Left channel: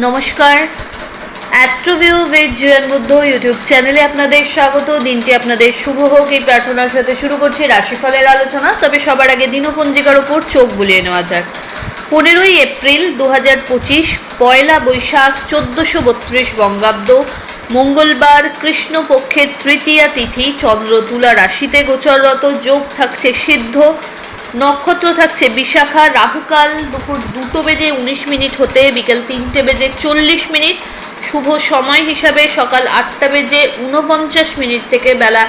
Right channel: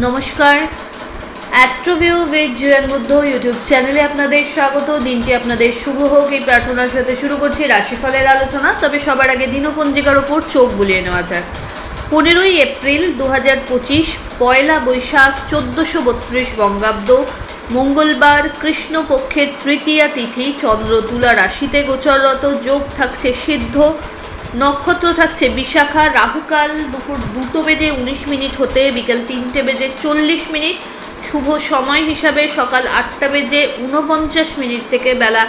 নমস্কার, অ্যাস্ট্রোভিউ with Jewel Buddha YouTube চ্যানেলে আপনাদের স্বাগত। দিনটি আপনাদের শুভ হোক এই প্রার্থনার সাথে শুরু করছি রাশিফলের আলোচনা। তবে সবার আগে দিনপঞ্জিকার উপর চোখ বুলিয়ে নেওয়া যাক। 15ই এপ্রিল 2025, পয়লা বৈশাখ 1432 বঙ্গাব্দ, মঙ্গলবার, কৃষ্ণপক্ষের তৃতীয়া তিথি, চন্দ্র তুলা রাশিতে গোচররত, যোগ থাকছে সিদ্ধ, নক্ষত্র থাকছে বিশাখা, রাহুকাল দুপুর 2:19 হতে বিকেল 3:40, শুভ সময় হিসাবে সকাল 8:49 থেকে বেলা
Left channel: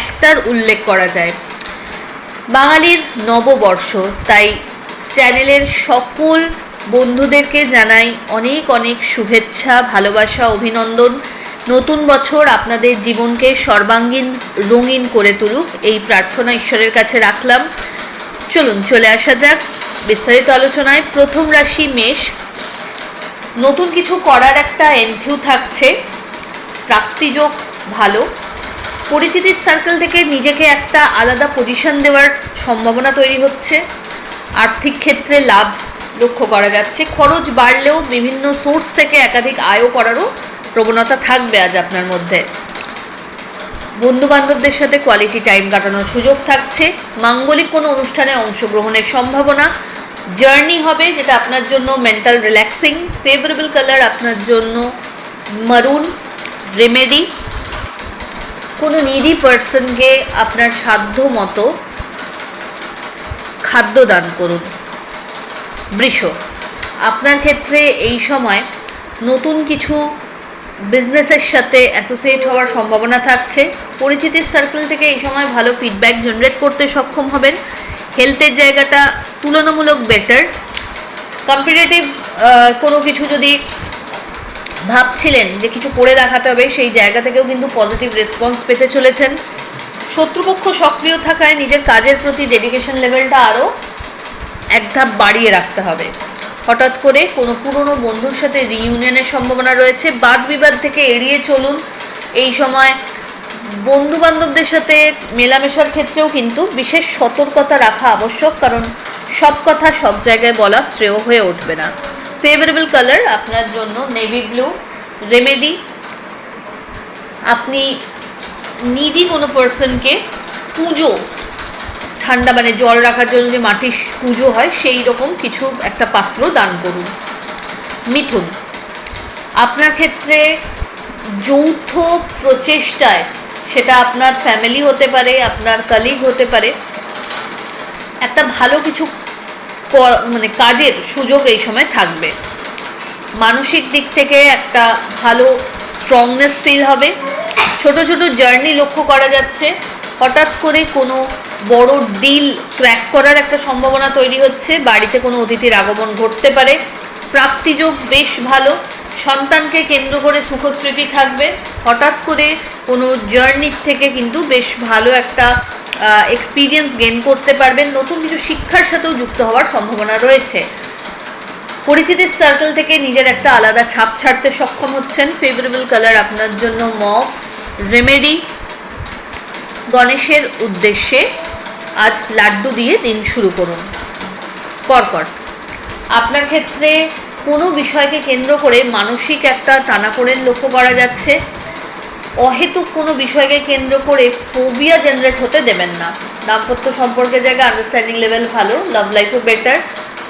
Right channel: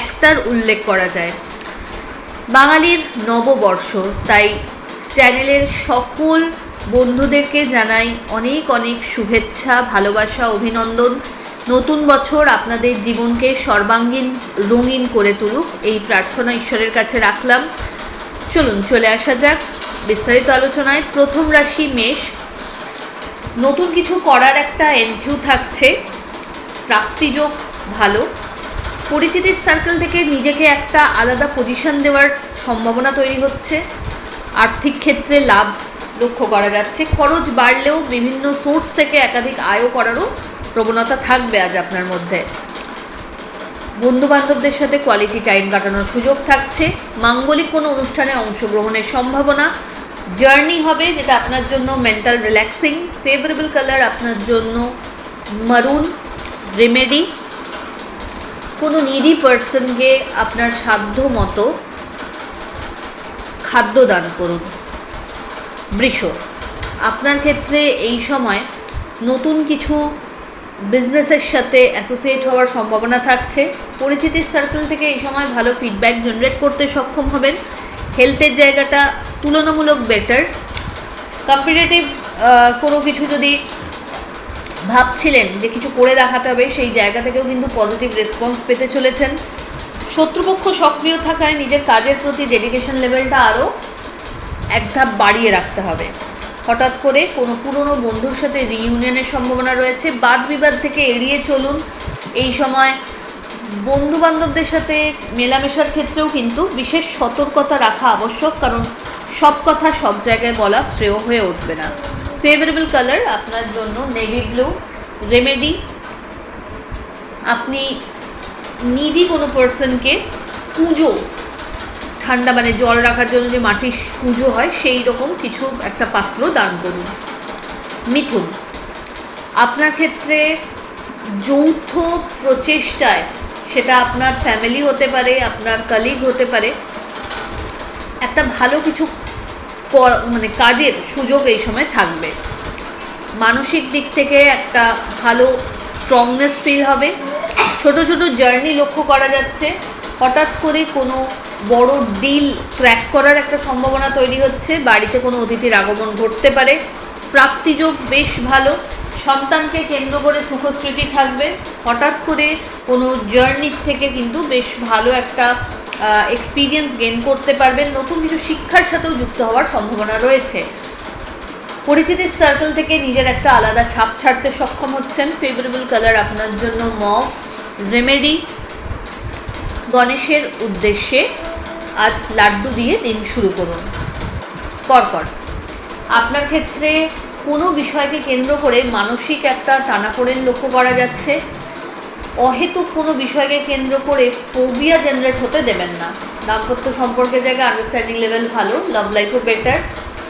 1টার উল্লেখ করা যায়। বাঙালির নববর্ষ, তাই চ্যানেলের সকল বন্ধুদেরকে জানাই অনেক অনেক শুভেচ্ছা, ভালোবাসা, অভিনন্দন। নতুন বছর আপনাদের জীবনকে সর্বাঙ্গীন রঙিন করে তুলুক এই প্রার্থনা ঈশ্বরের কাছে রাখলাম। চলুন চলে আসা যাক বিস্তারিত আলোচনায়। প্রথম রাশি মেষ। নতুন কিছু করার একটা এন্থিউ থাকছে, প্রাপ্তিযোগ ভালো, পরিচিতির সার্কেল থেকে নিজেকে একটা আলাদা পজিশন দেওয়ার সম্ভাবনা তৈরি হচ্ছে, আর্থিক ক্ষেত্রে লাভ লক্ষ্য করা যাচ্ছে, খরচ বাড়লেও বিভিন্ন সোর্স থেকে একাধিক আয়ও করারও প্রবণতা থাকবে আজ আপনার মধ্যে। বন্ধুবান্ধবদের সাথে কোয়ালিটি টাইম কাটানোর সুযোগ থাকছে, মাঙ্গলিক কোনো অনুষ্ঠানে অংশগ্রহণের সম্ভাবনা, জার্নি হবে যেটা আপনার জন্য মেন্টাল রিল্যাক্সিং। ফেভারেবল কালার আপনার জন্য মারুন। রেমেডি, কোনো নিডি পার্সনকে আপনার সাধ্য মতো খাদ্য দান করুন। বৃষ, আপনার ক্ষেত্রে এই সময় নতুন কিছু বিজনেসের সাথে অ্যাসোসিয়েট হওয়ার সম্ভাবনা থাকছে, পরিচিতির সার্কেল থেকে এই সময় ভালো ফিডব্যাক জেনারেট করতে সক্ষম হবেন। হেলথের জায়গাটা তুলনামূলক বেটার। কম্পিটিটিভ কোনো কিছু যদি ভাবছিলেন যে কিছু করে দেখাতে হবে, সেই জায়গা থেকেও কিন্তু পজিটিভ রেসপন্স পেতে চলেছেন। শত্রুপক্ষ সক্রিয় থাকায় নিজের কাজের প্রতি ডেডিকেশন লেভেলটা আরও এক ধাপ বাড়িয়ে রাখতে হবে। হঠাৎ করে কোনো পুরনো বন্ধুর সাথে রিইউনিয়নের সম্ভাবনা রয়েছে। বাদ বিবাদ থেকে এড়িয়ে চলুন। এই সময় বন্ধুবান্ধবদের সাথে মেলামেশার ক্ষেত্রেও কিন্তু বিশেষ সতর্কতা রাখা আবশ্যক, কারণ সব কথা সব জায়গায় বলা শ্রেয় হয়ে উঠবে না। ফেভারেবল কালার আপনার জন্য নেভি ব্লু। রেমেডি, আপনি নিডি কোনো পার্সনকে পুজো, ঠান্ডা মানে জল রাখার জন্য যে মাটির পুজো হয় সেই রকম কিছু একটা পাত্র দান করুন। মিথুন, আপনার ক্ষেত্রে যৌথ প্রচেষ্টায়, সেটা আপনার ফ্যামিলি হতে পারে, আপনার কলিগ হতে পারে, একটা ভালো কিছু মানে কাজের সুযোগ এই সময় থাকবে। মানসিক দিক থেকে একটা ভালো স্ট্রংনেস ফিল হবে। ছোট ছোট জার্নি লক্ষ্য করা যাচ্ছে। হঠাৎ করে কোনো বড় ডিল ক্র্যাক করার একটা সম্ভাবনা তৈরি হচ্ছে। বাড়িতে কোনো অতিথির আগমন ঘটতে পারে। প্রাপ্তিযোগ বেশ ভালো। সন্তানকে কেন্দ্র করে সুখস্মৃতি থাকবে। হঠাৎ করে কোনো জার্নির থেকে কিন্তু বেশ ভালো একটা এক্সপিরিয়েন্স গেইন করতে পারবেন। নতুন কিছু শিক্ষার সাথেও যুক্ত হওয়ার সম্ভাবনা রয়েছে। পরিচিতির সার্কেল থেকে নিজের একটা আলাদা ছাপ ছাড়তে সক্ষম হচ্ছেন। ফেভারেবল কালার আপনার জন্য মভ। রেমেডি, গণেশের উদ্দেশ্যে আজ লাড্ডু দিয়ে দিন শুরু করুন। কর্কট, আপনার ক্ষেত্রে কোনো বিষয়কে কেন্দ্র করে মানসিক একটা টানাপোড়েন লক্ষ্য করা যাচ্ছে। অহেতুক কোনো বিষয়কে কেন্দ্র করে ফোবিয়া জেনারেট হতে দেবেন না। দাম্পত্য সম্পর্কের জায়গায় আন্ডারস্ট্যান্ডিং লেভেল ভালো, লাভ লাইফও বেটার।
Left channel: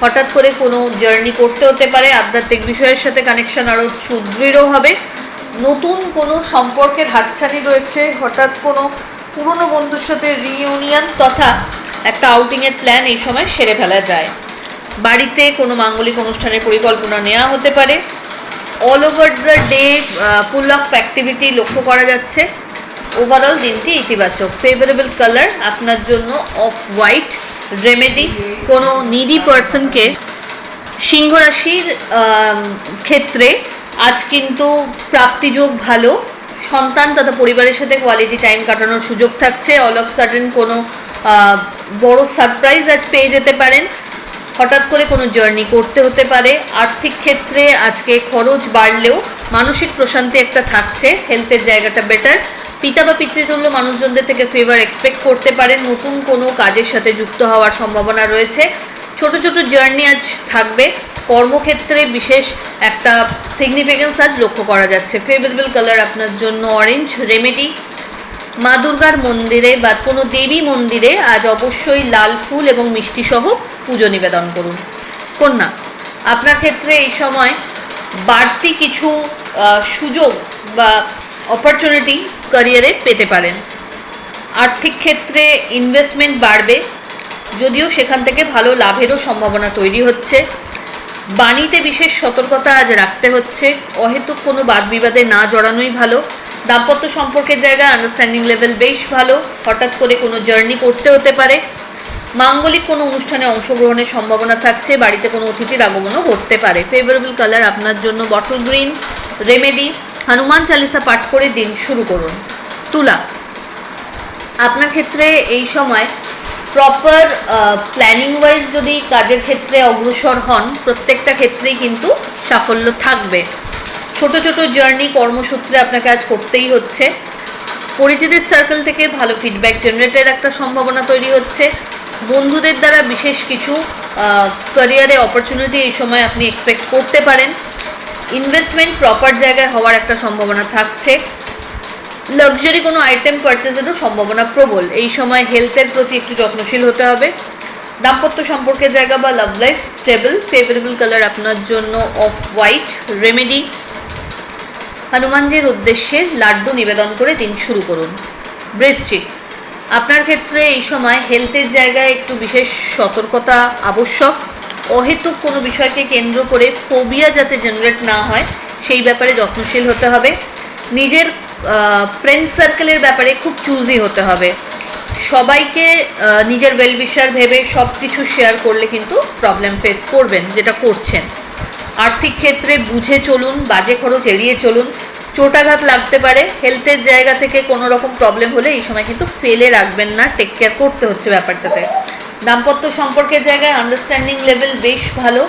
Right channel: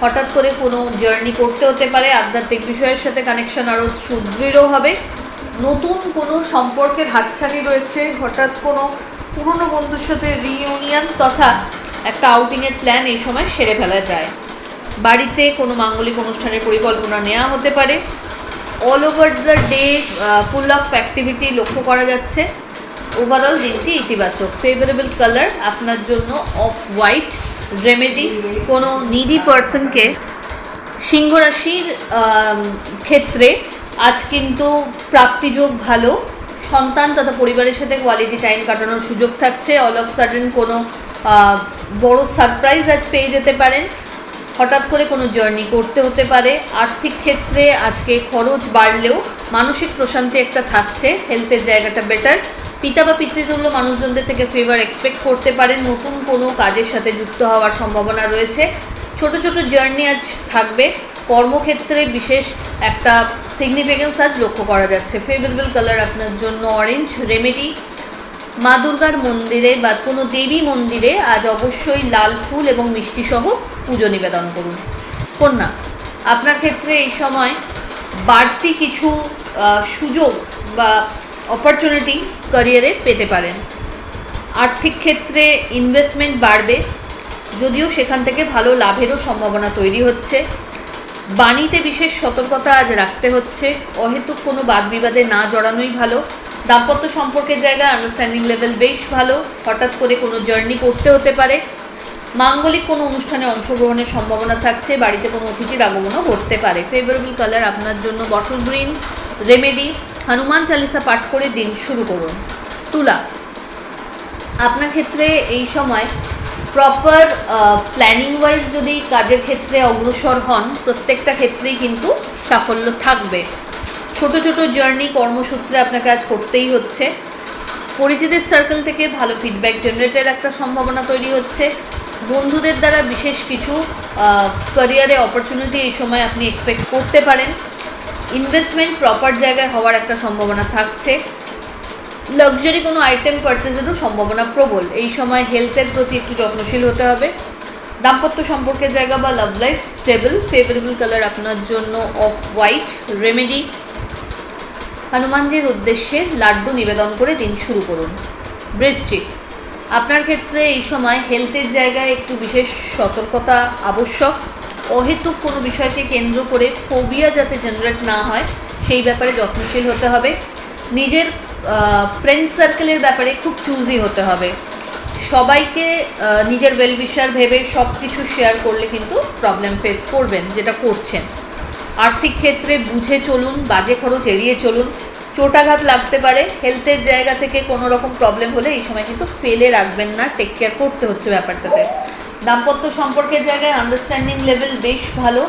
হঠাৎ করে কোনো জার্নি করতে হতে পারে। আধ্যাত্মিক বিষয়ের সাথে কানেকশন আরও সুদৃঢ় হবে। নতুন কোনো সম্পর্কের হাতছানি রয়েছে। হঠাৎ কোনো পুরনো বন্ধুর সাথে রিইউনিয়ন তথা একটা আউটিংয়ের প্ল্যান এই সময় সেরে ফেলা যায়। বাড়িতে কোনো মাঙ্গলিক অনুষ্ঠানের পরিকল্পনা নেওয়া হতে পারে। All over the day full of activity লক্ষ্য করা যাচ্ছে। ওভারঅল দিনটি ইতিবাচক। ফেভারেবল কালার আপনার জন্য অফ হোয়াইট। রেমেডি, কোনো নিডি পার্সনকে, সিংহ রাশির ক্ষেত্রে আজ কিন্তু প্রাপ্তিযোগ ভালো। সন্তান তথা পরিবারের সাথে কোয়ালিটি টাইম কাটানোর সুযোগ থাকছে। অল অফ সাডেন কোনো বড় সারপ্রাইজ আজ পেয়ে যেতে পারেন। হঠাৎ করে কোনো জার্নি করতে হতে পারে। আর্থিক ক্ষেত্রে আজকে খরচ বাড়লেও মানসিক প্রশান্তি একটা থাকছে। হেলথের জায়গাটা বেটার। পিতা বা পিতৃতুল্য মানুষজনদের থেকে ফেভার এক্সপেক্ট করতে পারেন। নতুন কোনো কাজের সাথে যুক্ত হওয়ার সম্ভাবনা রয়েছে। ছোট ছোট জার্নি আজ থাকবে। কর্মক্ষেত্রে বিশেষ একটা সিগনিফিকেন্স আজ লক্ষ্য করা যাচ্ছে। ফেভারেবল কালার আপনার জন্য অরেঞ্জ। রেমেডি, মা দুর্গার মন্দিরে বা কোনো দেবী মন্দিরে আজ অবশ্যই লাল ফুল এবং মিষ্টি সহ পুজো নিবেদন করুন। কন্যা, আপনার ক্ষেত্রে এই সময় বাড়তি কিছু সুযোগ বা অপরচুনিটি ক্যারিয়ারে পেতে পারেন। আর্থিক ক্ষেত্রে ইনভেস্টমেন্ট বাড়বে, যদিও সেখান থেকে ভালো লাভেরও সম্ভাবনা তৈরি হচ্ছে। বাণীতে বিশেষ সতর্কতা আজ রাখতে হচ্ছে। অহেতুক কোনো বাদ বিবাদে না জড়ানোই ভালো। দাম্পত্য সম্পর্কের জায়গায় আন্ডারস্ট্যান্ডিং লেভেল বেশ ভালো। হঠাৎ করে কোনো জার্নি করতে হতে পারে। মাঙ্গলিক কোনো অনুষ্ঠানে অংশগ্রহণের সম্ভাবনা থাকছে। বাড়িতে কোনো অতিথির আগমনও ঘটতে পারে। ফেভারেবল কালার আপনার জন্য bottle green. Remedy, Hanuman Chalisa পাঠ করে দিন শুরু করুন। তুলা, আপনার ক্ষেত্রে এই সময় প্রপার প্ল্যানিং ওয়াইজ যদি কাজের ক্ষেত্রে অগ্রসর হন, প্রত্যেকটা ক্ষেত্রেই কিন্তু সাফল্য থাকবে। ছোট ছোট জার্নি কর্মসূত্রে আপনাকে আজ করতেই হচ্ছে। পরিচিতের সার্কেল থেকে ভালো ফিডব্যাক জেনারেটের একটা সম্ভাবনা তৈরি হচ্ছে। বন্ধুদের দ্বারা বিশেষ কিছু ক্যারিয়ারে অপরচুনিটি এই সময় আপনি এক্সপেক্ট করতে পারেন। ইনভেস্টমেন্ট প্রপার জায়গায় হওয়ার একটা সম্ভাবনা থাকছে। লাক্সারি কোনো আইটেম পারচেজেরও সম্ভাবনা প্রবল। এই সময় হেলথের প্রতি একটু যত্নশীল হতে হবে। দাম্পত্য সম্পর্কের জায়গা বা love life stable. Favourable colour আপনার জন্য অফ হোয়াইট। রেমেডি, হনুমানজির উদ্দেশ্যে লাড্ডু নিবেদন করে দিন শুরু করুন। বৃশ্চিক, আপনার ক্ষেত্রে এই সময় হেলথের জায়গায় একটু বিশেষ সতর্কতা আবশ্যক। অহেতুক কোনো বিষয়কে কেন্দ্র করে ফোবিয়া যাতে জেনারেট না হয় সেই ব্যাপারে যত্নশীল হতে হবে। নিজের ফ্রেন্ড সার্কেলের ব্যাপারে খুব চুজি হতে হবে। সবাইকে নিজের ওয়েলউইশার ভেবে সব কিছু শেয়ার করলে কিন্তু প্রবলেম ফেস করবেন, যেটা করছেন। আর্থিক ক্ষেত্রে বুঝে চলুন, বাজে খরচ এড়িয়ে চলুন। চোটাঘাত লাগতে পারে। হেলথের জায়গা থেকে কোনো রকম প্রবলেম হলে এই সময় কিন্তু ফেলে রাখবেন না, টেক কেয়ার করতে হচ্ছে ব্যাপারটাতে। দাম্পত্য সম্পর্কের জায়গায় আন্ডারস্ট্যান্ডিং লেভেল বেশ ভালো।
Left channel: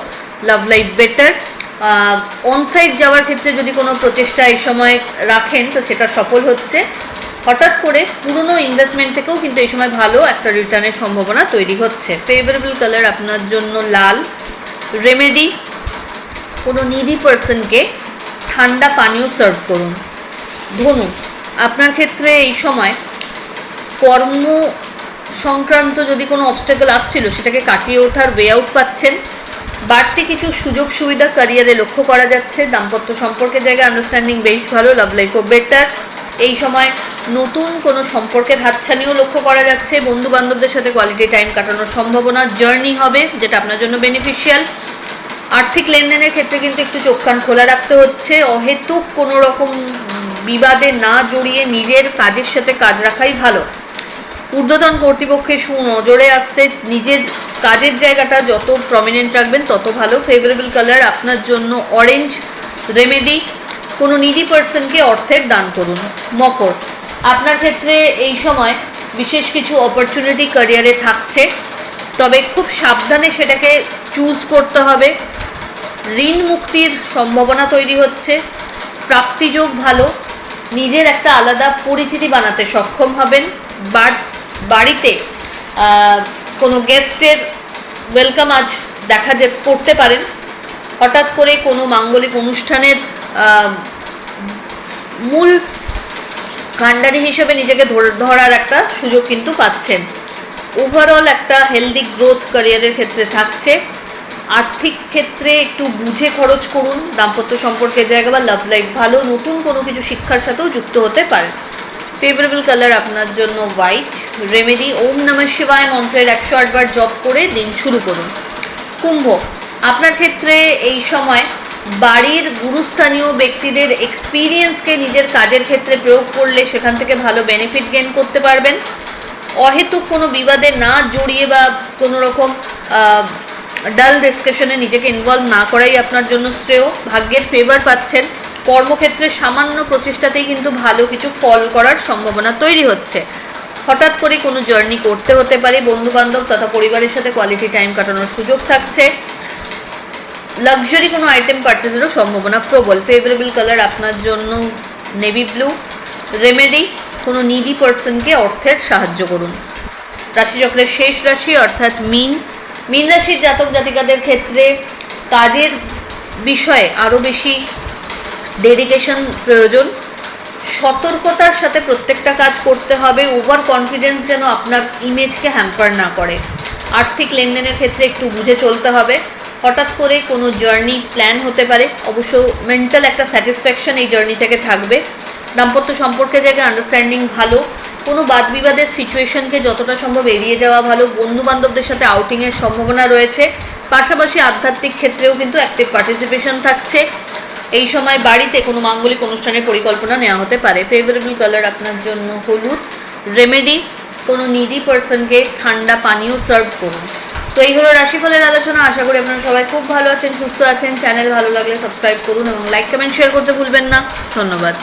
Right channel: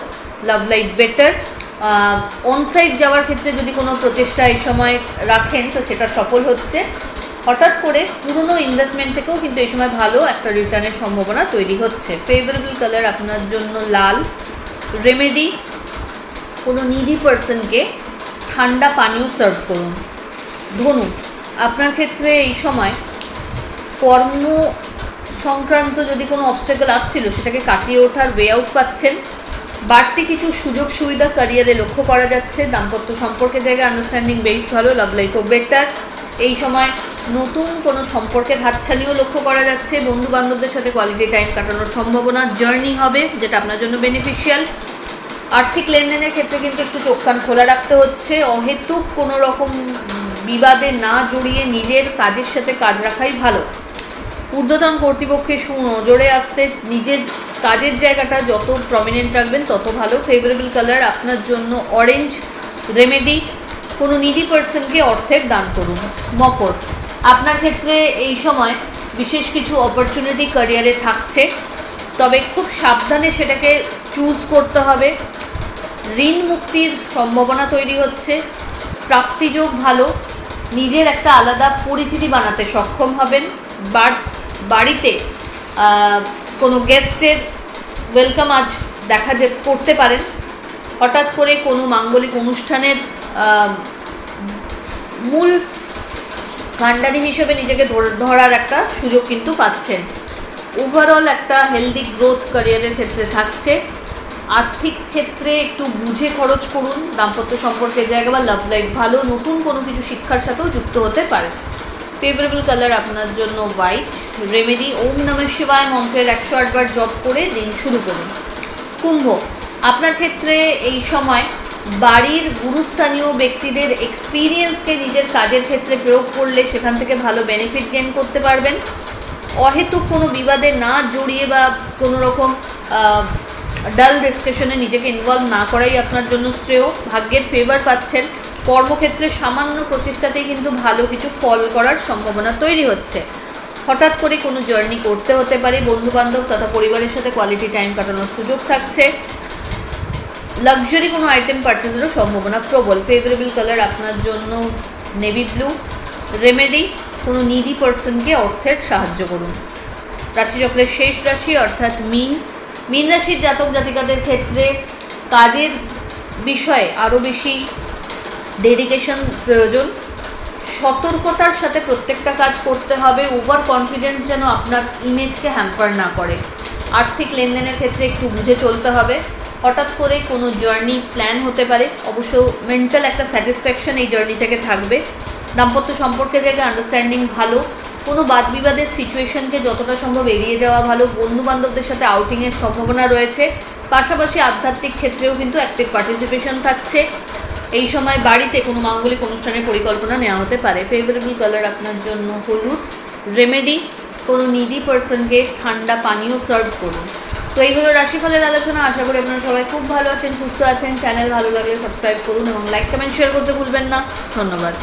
Love life better. অনসাইট যাওয়ার ক্ষেত্রে যদি কোনো প্রচেষ্টা এই সময় রাখেন তো সেটা সফল হচ্ছে। হঠাৎ করে পুরনো ইনভেস্টমেন্ট থেকেও কিন্তু এই সময় ভালো একটা রিটার্নের সম্ভাবনা তৈরি হচ্ছে। ফেভারেবল কালার আপনার জন্য লাল। রেমেডি, কোনো নিডি পার্সনকে ঠান্ডা পানীয় সার্ভ করুন। ধনু, আপনার ক্ষেত্রে এই সময় কর্ম সংক্রান্ত যদি কোনো অবস্টাকেল আসছিল সেটাকে কাটিয়ে ওঠার ওয়ে আউট পাচ্ছেন। বাড়তি কিছু সুযোগ সুবিধা ক্যারিয়ারে লক্ষ্য করা যাচ্ছে। দাম্পত্য সম্পর্কের জায়গায় আন্ডারস্ট্যান্ডিং বেশ ভালো। লাভ লাইফও বেটার। এই সময় নতুন কোনো সম্পর্কের হাতছানিও লক্ষ্য করা যাচ্ছে। বন্ধু বান্ধবদের সাথে কোয়ালিটি টাইম কাটানোর সম্ভাবনা। জার্নি হবে যেটা আপনার জন্য বেনিফিশিয়াল। আর্থিক লেনদেনের ক্ষেত্রে কিন্তু একটু চোখ কান খোলা রাখতে হচ্ছে। অহেতুক কোনো রকম বিবাদে না জড়িয়ে নিজের কাজের সাথে কাজ রাখাই ভালো। ঊর্ধ্বতন কর্তৃপক্ষের সুনজরে আসতে নিজের কাজের জায়গাটা যত প্রমিনেন্ট রাখবেন তত ভালো। ফেভারেবল কালার আপনার জন্য অরেঞ্জ। রেমেডি, কোনো নিডি পার্সনকে অর্থের দান করুন। মকর, আপনার ক্ষেত্রে এই সময় বিশেষ কিছু অপরচুনিটি ক্যারিয়ারে থাকছে, তবে খুব সাবধানে সেটাকে চুজ করতে হবে। ঋণ মুক্তির সম্ভাবনা তৈরি হচ্ছে। প্রাপ্তিযোগ ভালো। নিজের একটা আলাদা পরিচিতি বানাতে সক্ষম হবেন। বাড়িতে কোনো গেস্টের ওয়েলকাম আজ করতে পারেন। হঠাৎ করে কোনো মাঙ্গলিক অনুষ্ঠানের মূল কাণ্ডারি হিসেবে নিজেকে ধরার একটা সুযোগ কিন্তু পাচ্ছেন। ওভারঅল একটা হেলদি গ্রোথ ক্যারিয়ারের ক্ষেত্রে থাকছে। আর্থিক ক্ষেত্রে একটু বুঝে খরচ করুন। দাম্পত্য সম্পর্কের জায়গা বা লাভ লাইফ ভালো। নতুন কোনো কিছু শিক্ষার সাথেও যুক্ত হতে পারে। ফেভারেবল কালার আপনার জন্য হোয়াইট। রেমেডি, ওম নমঃ শিবায় মন্ত্রের 108 বার জপ করে দিন শুরু করুন। কুম্ভ, আপনার ক্ষেত্রে এই সময় বাড়ির গুরুস্থানীয় ব্যক্তিদের এক্সপিরিয়েন্সকে নিজের কাজের ক্ষেত্রে প্রয়োগ করলে সেখান থেকে ভালো বেনিফিট গেইন করতে পারবেন। অহেতুক কোনো বিবাদে না জড়িয়ে বা কোনো রকম ডাল ডিসকাশনে নিজেকে ইনভলভ না করাই আপনার জন্য শ্রেয়। ভাগ্যের ফেভার পাচ্ছেন। কর্মক্ষেত্রে সামান্য প্রচেষ্টাতেই কিন্তু ভালো কিছু ফল করার সম্ভাবনা তৈরি হচ্ছে। হঠাৎ করে কোনো জার্নি করতে হতে পারে। বন্ধুবান্ধব তথা পরিবারের সাথে কোয়ালিটি টাইম কাটানোর সুযোগ থাকছে। লাক্সারি কোনো আইটেম পারচেজেরও সম্ভাবনা প্রবল। ফেভারেবল কালার আপনার জন্য নেভি ব্লু। রেমেডি, কোনো নিডি পার্সনকে অর্থের সাহায্য করুন। রাশিচক্রের শেষ রাশি অর্থাৎ মিন। মীন রাশির জাতক জাতিকাদের ক্ষেত্রে কাজের বিষয়ে আরও বেশি ডেডিকেশন প্রয়োজন, সতর্কতার সাথে প্রত্যেকটা কাজ করতে হবে। ওভার কনফিডেন্স যেন আপনার ইমেজকে হ্যাম্পার না করে। আর্থিক লেনদেনের ক্ষেত্রে একটু বুঝে চলতে হবে। হঠাৎ করে কোনো জার্নি প্ল্যান হতে পারে, অবশ্য মেন্টাল একটা স্যাটিসফ্যাকশন এই জার্নি থেকে থাকবে। দাম্পত্য সম্পর্কে জায়গায় আন্ডারস্ট্যান্ডিং ভালো, কোনো বাদ বিবাদের সিচুয়েশনকে যতটা সম্ভব এড়িয়ে যাওয়া ভালো। বন্ধু বান্ধবদের সাথে আউটিংয়ের সম্ভাবনা রয়েছে, পাশাপাশি আধ্যাত্মিক ক্ষেত্রেও কিন্তু অ্যাক্টিভ পার্টিসিপেশন থাকছে। এই সময় বাড়িতে কোনো মাঙ্গলিক অনুষ্ঠানের পরিকল্পনা নেওয়া হতে পারে। ফেভারেবল কালার আপনার জন্য হলুদ। রেমেডি, কোনো নিডি পার্সনকে ঠান্ডা পানীয় সার্ভ করুন। তো এই হলো রাশিফলের আলোচনা। আশা করি আপনারা সবাই খুব ভালো আছেন, সুস্থ আছেন। চ্যানেল ভালো লাগলে সাবস্ক্রাইব করুন এবং লাইক কমেন্ট শেয়ার করতে ভুলবেন না। ধন্যবাদ।